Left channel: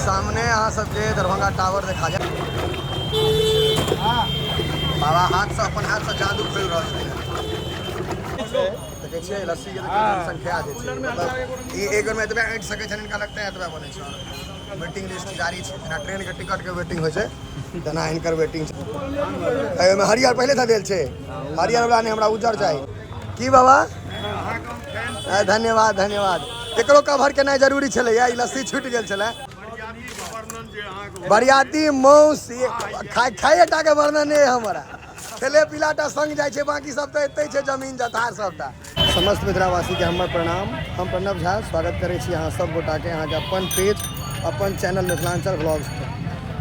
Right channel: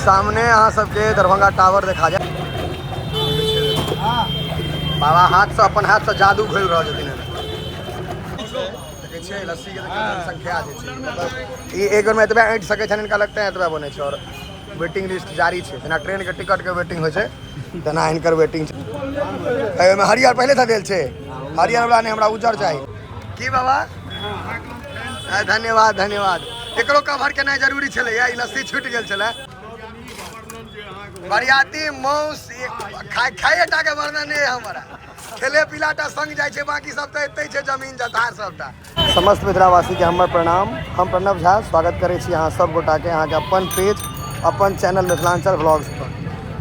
सामने अहाँ सबके दरभंगा टावर देखा जाए। बाबा हाथ से अपन हाथ से जादू खोल रहा छथिन। देखै छियै लस्सी के संख्या जे छै मतलब ई एक बेर में एतबे ऐंठ सकै छन, इनका लगता है एतबे बनै छै और वेटिंग लिस्ट जारी छै। जेना ट्रेन के टिकट के वेटिंग होइ छै तेना हिनकर वेटिंग छै। एहिमे हरियर पहले से देल छै, हरियर वाला नहीं हमरा उज्जर चाहिए। की बाबा धन्यवाद धन्यवाद। एकरो कवर केनाइ जरूरी छलै, ई लस्सी छूटि गेल छलै। बरियाती मौस खाइटा के वर्णन नहीं हमारा, खेले पिलाटा संग जाय छै, बाकी सब तो एते छै जमीन जथार सबटा। समस्त मिथिलावासी के हमर प्रणाम। हम प्रणव झा स्वागत करै छी अहाँ सब गोटा के अहाँ के अपन पेज अपन चैनल मिथिलांचल व्लॉग्स पर।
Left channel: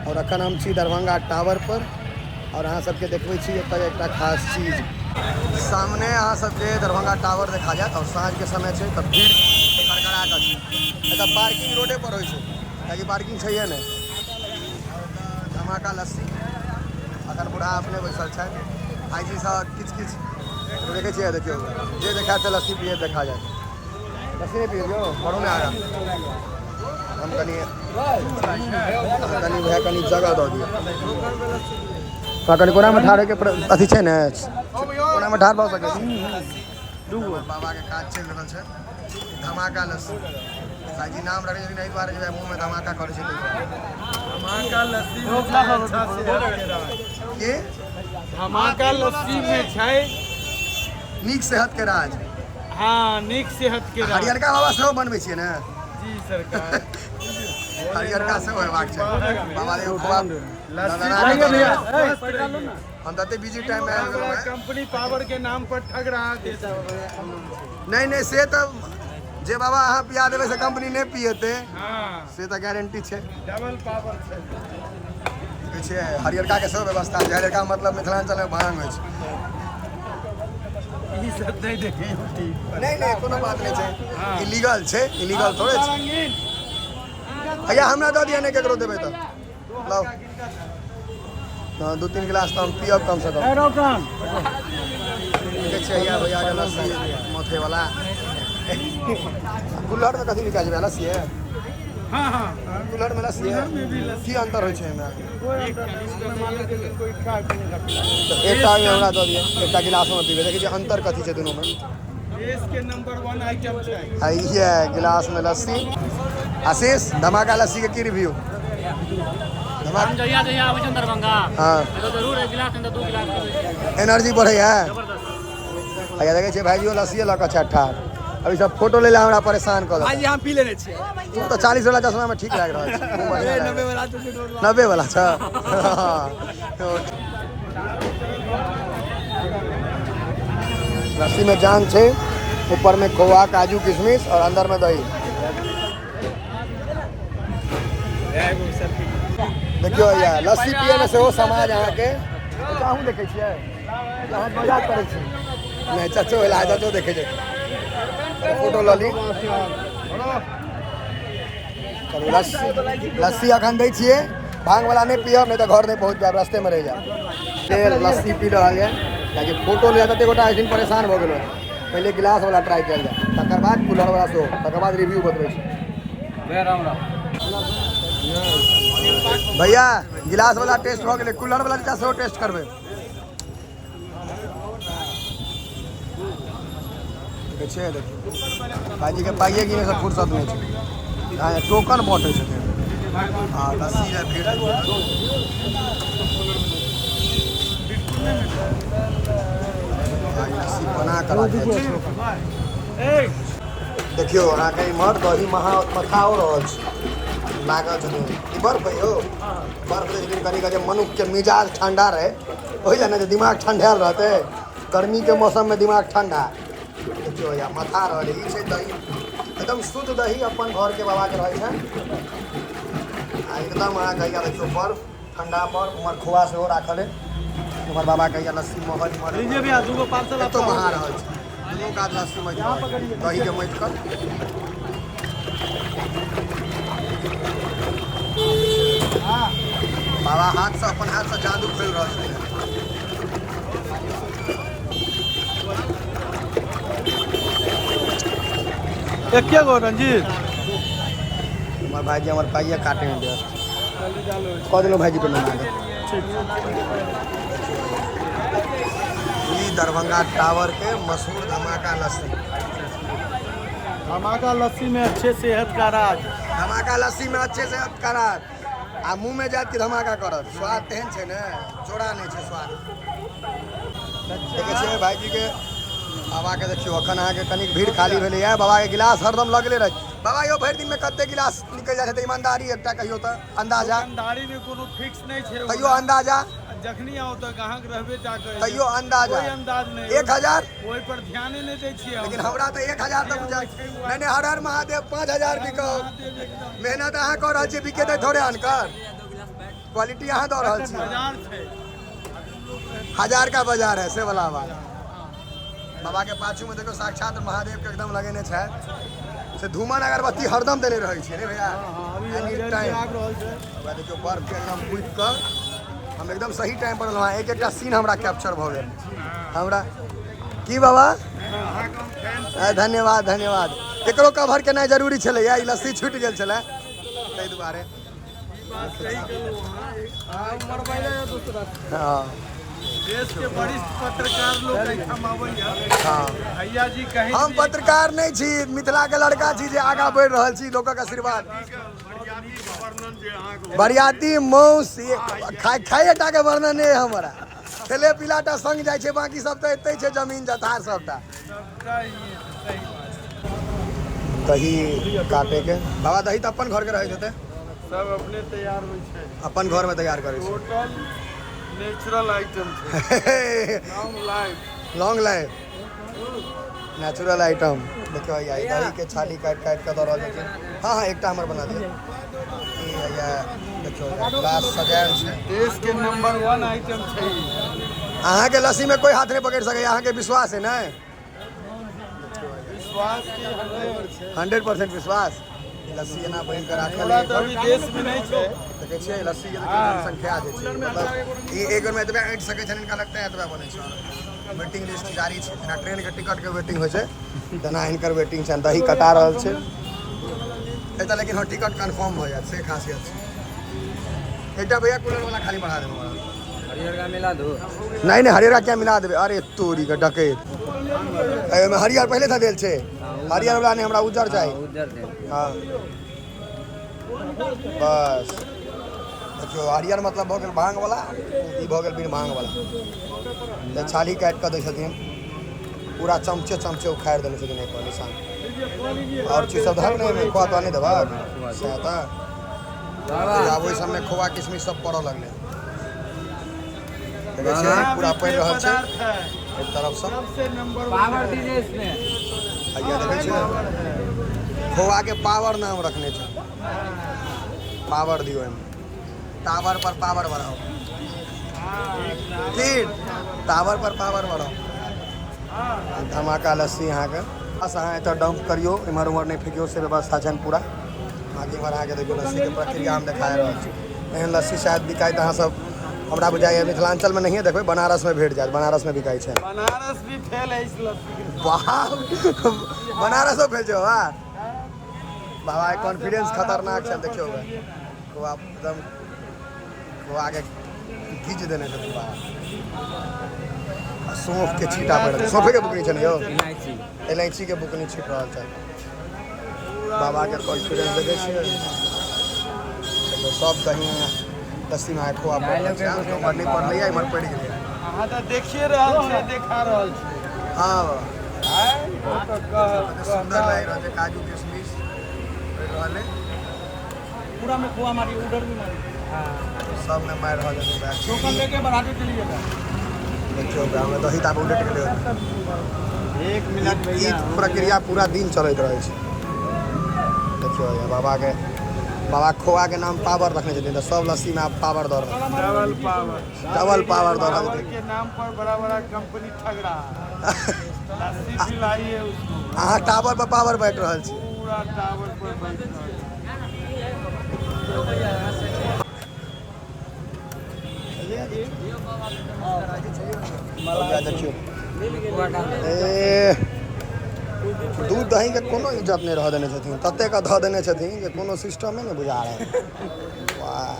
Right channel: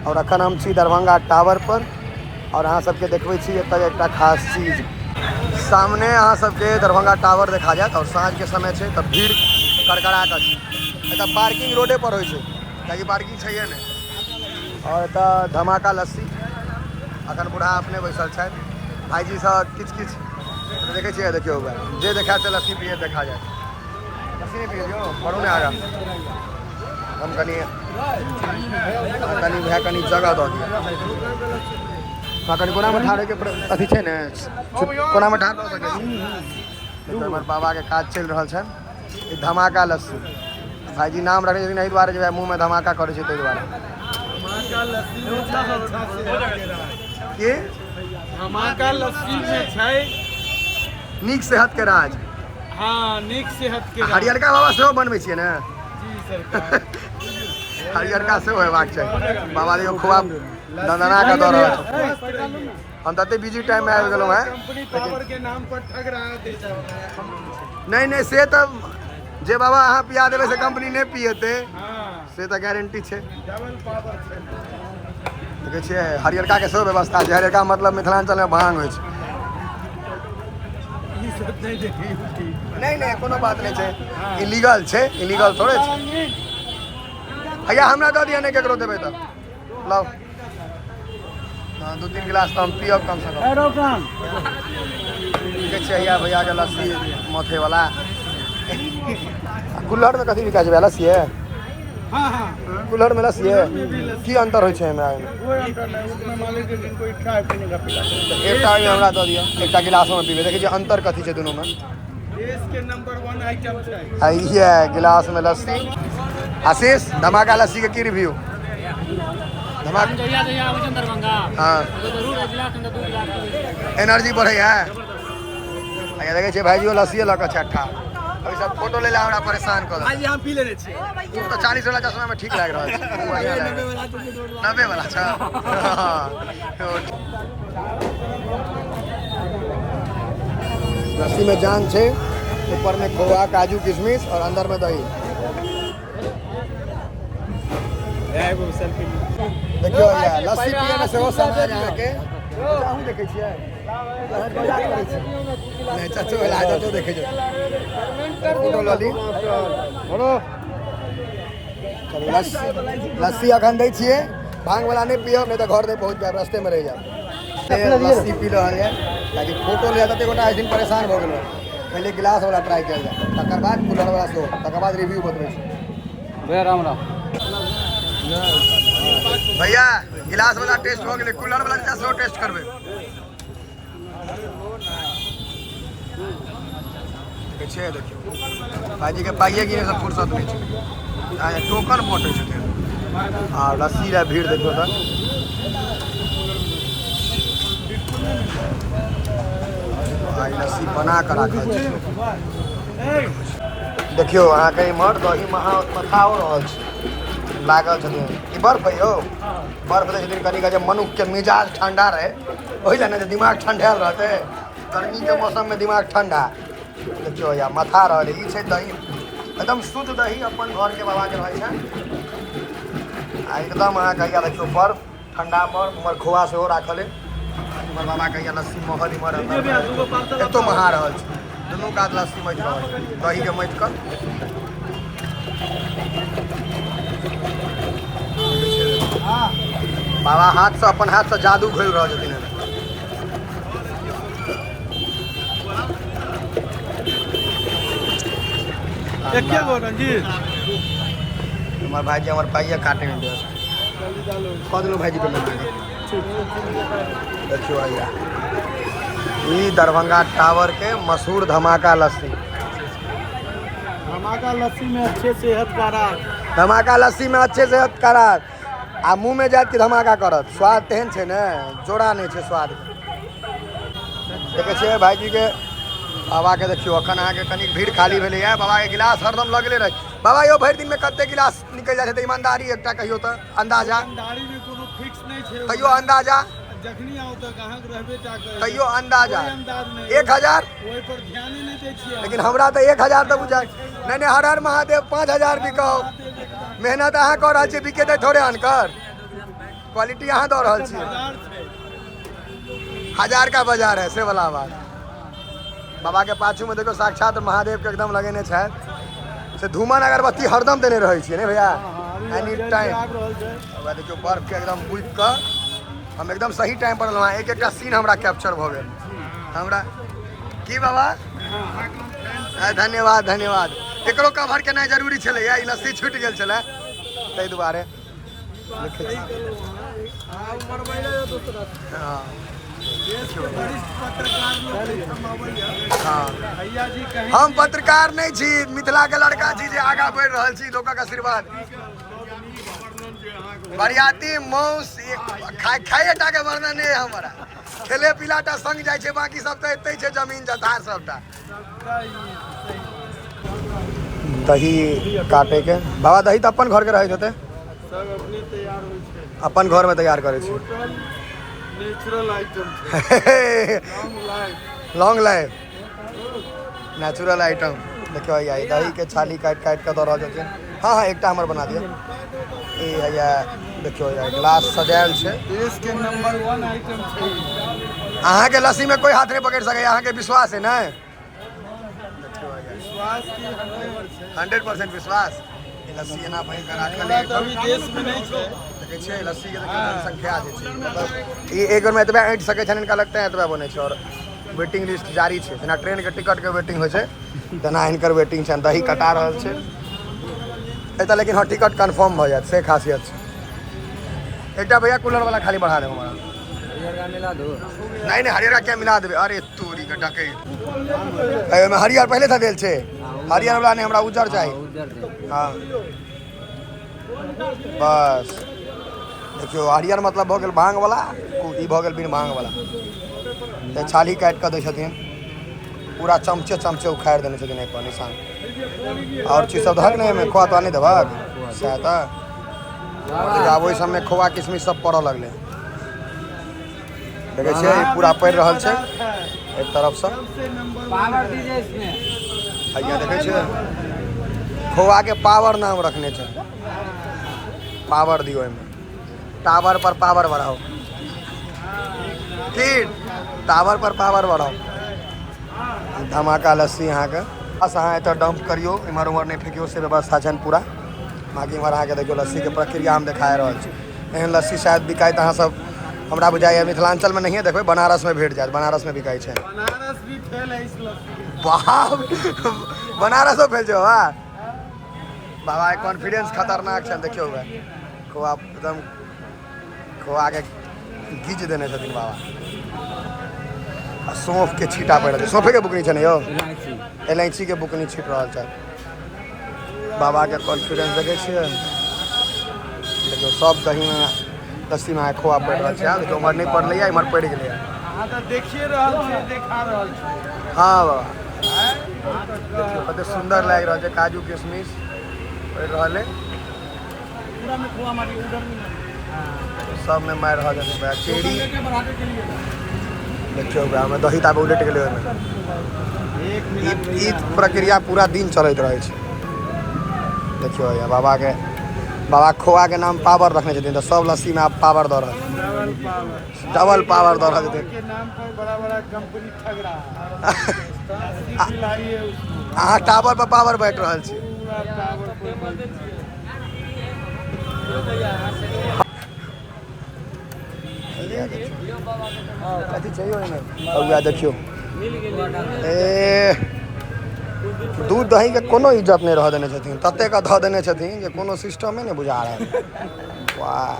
और अखन हम छी दरभंगा टावर पर और अहाँ सबके देखबै छी एतऽ एकटा खास चीज। सामने अहाँ सबके दरभंगा टावर देखा जायत और साँझ के समय छै तऽ भीड़ कड़कड़ा कऽ छै। एतऽ पार्किंग रोडे पर होइ छै कियाकि पार्किंग छैहे नहीं। और एतऽ धमाका लस्सी अखन बूढ़ा अपने बैसल छथि, भाईजी सब किछ किछ देखै छियै। देखियौ जे देखा छै लस्सी पिए देखा जाए। लस्सी नहीं पिए जो पढ़ू ने आगा हम कनी वह कनी जगह दऽ दिया। कनी कोना में ठाड़ के अथी छै ने, कोना में ठाड़ दऽ सकै छी। हमर बाबा के काज चलि रहल छै। धमाका लस्सी भाईजी नाम रखने छथिन एहि दुआरे जे मुँह में धमाका करै छै, ताहि दुआरे धमाका लस्सी में अच्छा सेहत के राज। ये धमाका लस्सी में छै नीक सेहत के राज। हाँ नीक सेहत के राज। हरियरका बाबा सेहो बनबै छियै ने? जी सरकार हरियरका सेहो हेबाक चाही। बाबा देखियौ खुआ दना के दऽ रहल छै। हम तते बिजी टाइम में आबि गेलहुँ हैं। कंपनी पावर के नाम पर ठग रहा है। नहीं नहीं से तो जे बाबा अहाँ पिया देबै से कंपनी नहीं पिएते, हाँ से तो गारंटी छै। डबल पावर छै। देखै छियै हरियरका के सेहो व्यवस्था छै। हरियरका मतलब मिथिलांचल में भांग होइ छै। ई सब नहीं देखियो ठीक। नहीं नहीं कोनो बात नहीं छै, इलीगल छै, इलीगल थोड़े छै। भैया हमरा दऽ दिया, नहीं केकरो देबै तऽ लाओ। 2-3 गिलास तो हम पियब कम से कम। देखै छियै भैया के लस्सी मथे वाला। कुल्हड़ में कथी बिका छै? लस्सी है? हाँ हाँ कुल्हड़ में लस्सी है? की अंतर होइ छै एहिमे? एकटा में हमरा दऽ दिअ, एकटा गिलास में पीबे। देखै छियै अंतर कथी छै दुनू में। देश के नंबर 1 आइटम छै। है गिलास में लस्सी। आशीष धमाका लस्सी के की रिव्यू? धमाका जहिया जहिया आबै छै दरभंगा हाँ तो जरूर एक गिलास अंदर 2 गिलास पीबै। एनर्जी बढ़ै है। भैया देखै छियै भाईजियो लस्सिए लऽ कऽ छठा। अभी सब फोटो ले ला हमरा परेशान कर। आज हम पी लेने छियै। तू तो 40 वाला चश्मा में ठीक लाग रहल छै। 90 वाला छ। लस्सी में जान छै, ऊपर में खोआ काजू किशमिश और अंदर में दही। देखियो भैया लस्सी पिए में सेहो समाज अहाँ के चाहू देखै छियै अहाँ मजाक करै छी। नहीं चाचो हिला चाचो देखे छै। फोटो लऽ ली। चलू लस्सी अखन दै छियै। भांग वाला नहीं पियब, नहीं तो घर नहीं पहुँच जाए, रास्ते में रह जाए। लस्सी पी रहा है ताकि फोटो ले जाते गोटा ऐसे परेशान हो गए। पहले गिलास वाला ट्राई कर जाए, तकर बाद कुल्हड़ वाला शो, तकर बाद रिव्यू बतबै छी। भैया गिलास वाला टेस्ट हो गए, कुल्हड़ वाला सेहो टेस्ट करबे। देखियो भाईजी के पाइए गिने से फुर्सत नहीं छै। यहाँ टोकन बाँटे छथिन आ लस्सी या भीड़ देखियो तऽ भाई लस्सी बना कर राखल छै। देखियो अहाँ के इमहर दही मथाओ रहल छै लागल छथिन। ई बर्फ है यौ, बर्फ दै छथिन कनि जे मनुष्य के मिजाज ठंडा रहे, ओहि लए ने दिमाग ठंडायल रहते। गर्मी के मौसम में दिमाग ठंडा। देखियो या मथा रहल ई छै दही, एकदम शुद्ध दही अपन घर के बाबा के रहै छै। आ एकदम अहाँ कहिया देखियो बर्फ ठंडा बर्फ उमर खोआ सेहो राखल है। बाबा कहिया लस्सी महल इमहर एतो महा रहल छै। दुनू कात लस्सी मचि रहल छै, दही के मचि कर। बाबा हाथ से अपन हाथ से जादू खोल रहल छथिन। एके गो रंजीत हमारे भाईजी हमारे पाइया काटे में व्यस्त कह दिलो भाईजी को मिला देखियो भैया ये दरभंगा टावर के मशहूर धमाका लस्सी। धमाका लस्सी में अच्छे सेहत का राज। धमाका लस्सी में अच्छे सेहत का राज आ मुँह में जात कि धमाका करत स्वाद तेहन छे ने जोड़ा नहीं छे स्वाद। देखे छे भाईजी के बाबा के देखियो अखन अहाँके कनिक भीड़ खाली भेलै है। बाबा के गिलास हरदम लगले रहे। बाबा यो भरि दिन में कते गिलास निकल जाए थे ईमानदारी एकटा कहियो तो अंदाजा ईमानदारी में कोनो फिक्स नहीं छे। कहियो अंदाजा जखनी आओ तो ग्राहक रहबे टा करे कहियो अंदाजा कोई अंदाज नहीं 1000 ओइ पर ध्यान नहीं दै छियै। लेकिन हमरा तो 1000 तो बुझा नहीं हर हर महादेव 5000 भी कहो मेहनत अहाँ कर रहल छी बिके थोड़े अनकर क्वालिटी अहाँ दऽ रहल छी। बाजार छे 1000 का बाजार है से वाला बात। बाबा के पाछू में देखो साक्षात महादेव के एकदम लगेने छै से धूमन अगरबत्ती हरदम देने रहे छियै ने भैया एनी टाइम। अब देखियो बर्फ के एकदम बुझ कर हम एकदम सही टाइम पर एलहुँ। एक एकटा सीन हमरा कैप्चर भऽ गेल हमरा की बाबा धन्यवाद धन्यवाद। एकरो कवर केनाइ जरूरी छलै ई लस्सी छूटि गेल छलै ताहि दुआरे। हाँ देश के वरिष्ठ पत्रकार लोग एहिठाम आबैया। हाँ भैया जी कहीं हम पत्रकार नहीं छी मिथिला के लड़का छी जे आगा बढ़ि रहल छी लोकक आशीर्वाद। बरियाती मौस खाइए टा के वर्णन नहीं हमारा खेले पिलाटा संग जाय छे बाकी सब तो एते छे जमीन जथार सबटा। दही काटे के बाबा दही तो अपन घर के रहे होते सब अपने तैयार होइ छे अपन घर में तैयार करे छे। टोटल नेचुरल आइटम छे लॉन्ग लाइफ नेचुरल आइटम। देखियो भैया दही के छाली काट काट के दऽ रहल छथिन। हाँ हाँ एकटा हमर बना दियो ई भैया देखियो भैया गिलास सजायल छे। देश के नंबर 1 आइटम छे। अहाँ के लस्सी में कोई हाथ नहीं पकड़ सके अहाँ के विश्वास है ना। विश्वास की 100% विश्वास लस्सी एना बनि के राखल है कभी देश में नहीं छे। देखे छियै लस्सी के देखियो जनसंख्या जे छै मतलब ई एक बेर में एतबे ऐंठ सकै छन इनका लगता है एतबे बनै छै और वेटिंग लिस्ट जारी छै जेना ट्रेन के टिकट के वेटिंग होइ छै तेना हिनकर वेटिंग छै। दही कटा रहल छै एतऽ लेकिन हाँ टिकट कंफर्म हो जायत से खासियत छै। एकटा भैया कूलर वाला खाली बढ़ा देब हमारा हरियर का मिला दो। नहीं नहीं हरियर का क्या मिला देबे। अरे तोरी के डके में हरियर पहले था देल छे हरियर वाला नहीं हमरा उज्जर चाहिए। उधर दे। हाँ बस देखियो हरियर मतलब भऽ गेल भांग वाला ई भऽ गेल बिन भांग वाला। ते छाली काट कऽ दै छथिन पूरा चमचे चमचे उखाड़ि देने छथिन एक निशान। और चीज सब धक नहीं में खोआ तो नहीं देबक सएह तऽ आब ओहि सबमे खोआ किशमिश सब पड़ऽ लगलै। देखे छियै पूरा पड़ि रहल छै एक तरफ से पावर दीजिए इसमें। भैया देखे छियै खोआ के पावर नाम रखने छै। पावर दियो एहिमे टावर पर पावर बढ़ाओ की टावर पर पावर बढ़ाओ। धमाका लस्सी यहाँ के बस अहाँ एतऽ डंप करियो इम्हर उम्हर नहीं फेंकियो से व्यवस्था छनि पूरा। बाकी इम्हर अहाँके देखियो लस्सी के प्रक्रिया हम देखा रहल छी। एहन लस्सी शायद बिकाइत अहाँ सब हमरा बुझाइए मिथिलांचल में नहीं देखबै बनारस में भेट जायत। बनारस में बिकाई छै। बनारस भी फेल है इस लस्सी के। वाह बनारस में भेल छै वाह बाबा कॉन्फिडेंस खतरनाक छै। देखियो खोआ एकदम खोआ के घीच देने छथिन बाबा। सौंफ के छीटा पड़ि रहल छै। सौंफे के बुकनी छै ने यौ इलायची के बुकनी छीट रहल छै। बाबा के कॉन्फिडेंस देखे छियै देखियो सब दही में लस्सी में खोआ पड़ि रहल छै। देखियो उम्हर नहीं पड़लै इम्हर पड़ि गेलै। अहाँ तऽ देखिए रहल छी देखा रहल छी। हाँ बाबा कते सुंदर लागि रहल छै काजू किशमिश पड़ि रहल है पूरा में खोआ मारी उधर भी मारी सब में मारि रहल छथिन भैया चेरी। लेके बढ़ाते चलिए देखियो भैया में दही ताबे उलटि गेलै ओहिमे। 1 मिनट ई प्रक्रिया पूरा दिन चलैत रहै छै। देखियो भैया बाबा खोआ के नाम पावर रखने छथिन तो सब लस्सी में आप पावर दऽ रहल डबल पावर दऽ रहल छथिन। के नाम पर बड़ा बड़ा कंपनी ठग रहा है। लस्सी पिलाइए उसको अहाँ टावर पर पावर बैठ रहल छी। पूरा टावर पर बैठ रहा है। कथी चाहिए ओहिमे देखियो ए दूध दही के कोनो इज्जत नहीं रह देने छथिन, तते का धऽ देने छथिन जे कोनो सिस्टमे नहीं बुझा रहल। वाह,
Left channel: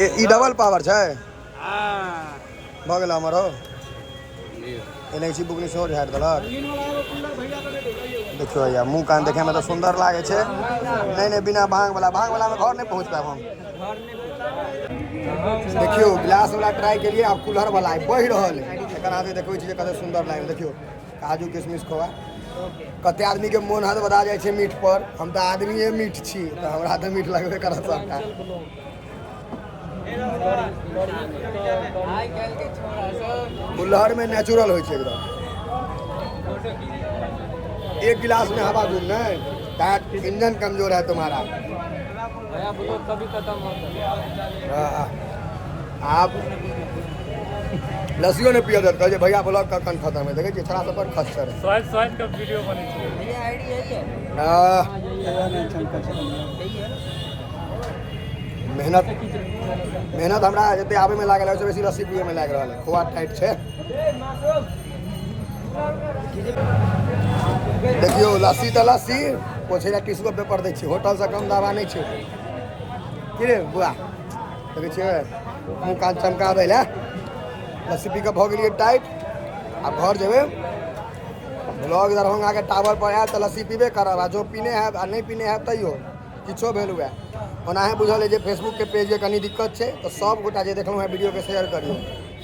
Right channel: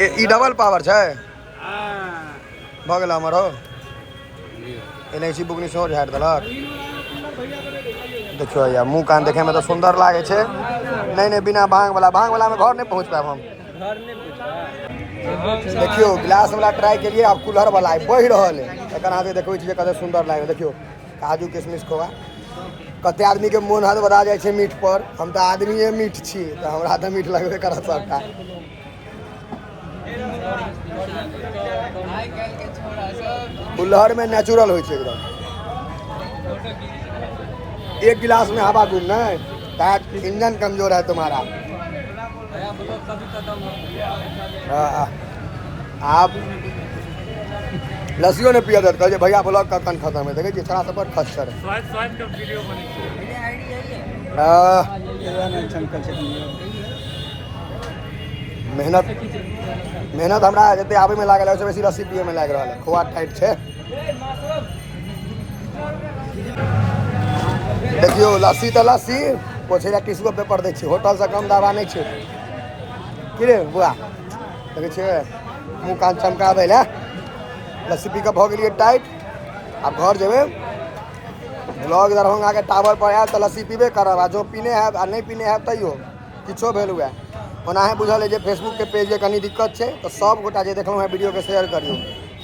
ई डबल पावर छै। भऽ गेल हमर हो एनैसी बुकनी सेहो झाड़ि देलक। देखियो या मुँह कान देखे में तो सुंदर लागे छै। नहीं बिना भांग वाला में घर नहीं पहुँच पाएब हम। देखियो गिलास वाला ट्राई के लिए अब कूलर वाला बढ़ रहा है। एक हाथे देखो कते सुंदर लागे। देखियो काजू किशमिश खोआ। कते आदमी के मोन हद बता जाए मीठ पर। हम तो आदमी मीठ छी तो हमरा तो मीठ लगबे करत सबटा। कुल्हड़ में नेचुरल हो एकदम। एक गिलास में हवा दूध नहीं, दैट इंजन कमजोर है तुम्हारा। आप लस्सियों ने पिया देता है भैया ब्लॉग का कन खत्म है। देखिए थोड़ा सा पर खच्चर मेहनत हमरा जते आबे में लागल है बेसी लस्सी पिए में लाग रहा है। खोआ टाइट छै। देखियो लस्सी तो लस्सी पोछे टिश्यू पेपर दै छी। होटल से कम दवा नहीं छै कि रे बुआ। देखै छियै मुँह कान चमका दै लए। लस्सी पी के भऽ गेलियै टाइट। आब घर जेबै ब्लॉग दरभंगा के टावर पर आयल तो लस्सी पीबे करब। आ जो पीने है आ नहीं पीने है तैयो किछो भेल हुए ओनाहे बुझल है जे फेसबुक के पेज के कनी दिक्कत छै तो सब गोटा जे देखलहुँ है वीडियो के शेयर करियो।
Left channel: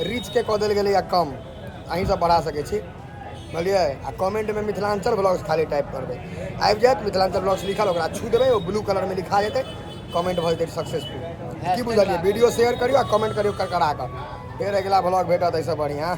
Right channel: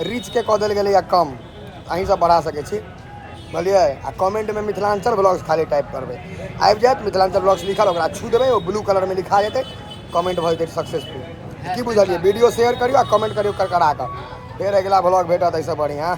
रीच के कऽ देल गेलै या कम, अहीं सब बढ़ा सकै छी बुझलिए। आ कमेंट में मिथिलांचल ब्लॉग्स खाली टाइप करबै आबि जायत। मिथिलांचल ब्लॉग्स लिखल ओकरा छू देबै वो ब्लू कलर में लिखा जेतै। कमेंट भऽ जेतै सक्सेसफुल। की बुझलिए वीडियो शेयर करियो आ कमेंट करियो करकरा कऽ। फेर अगिला ब्लॉग भेटत ऐसे बढ़िया।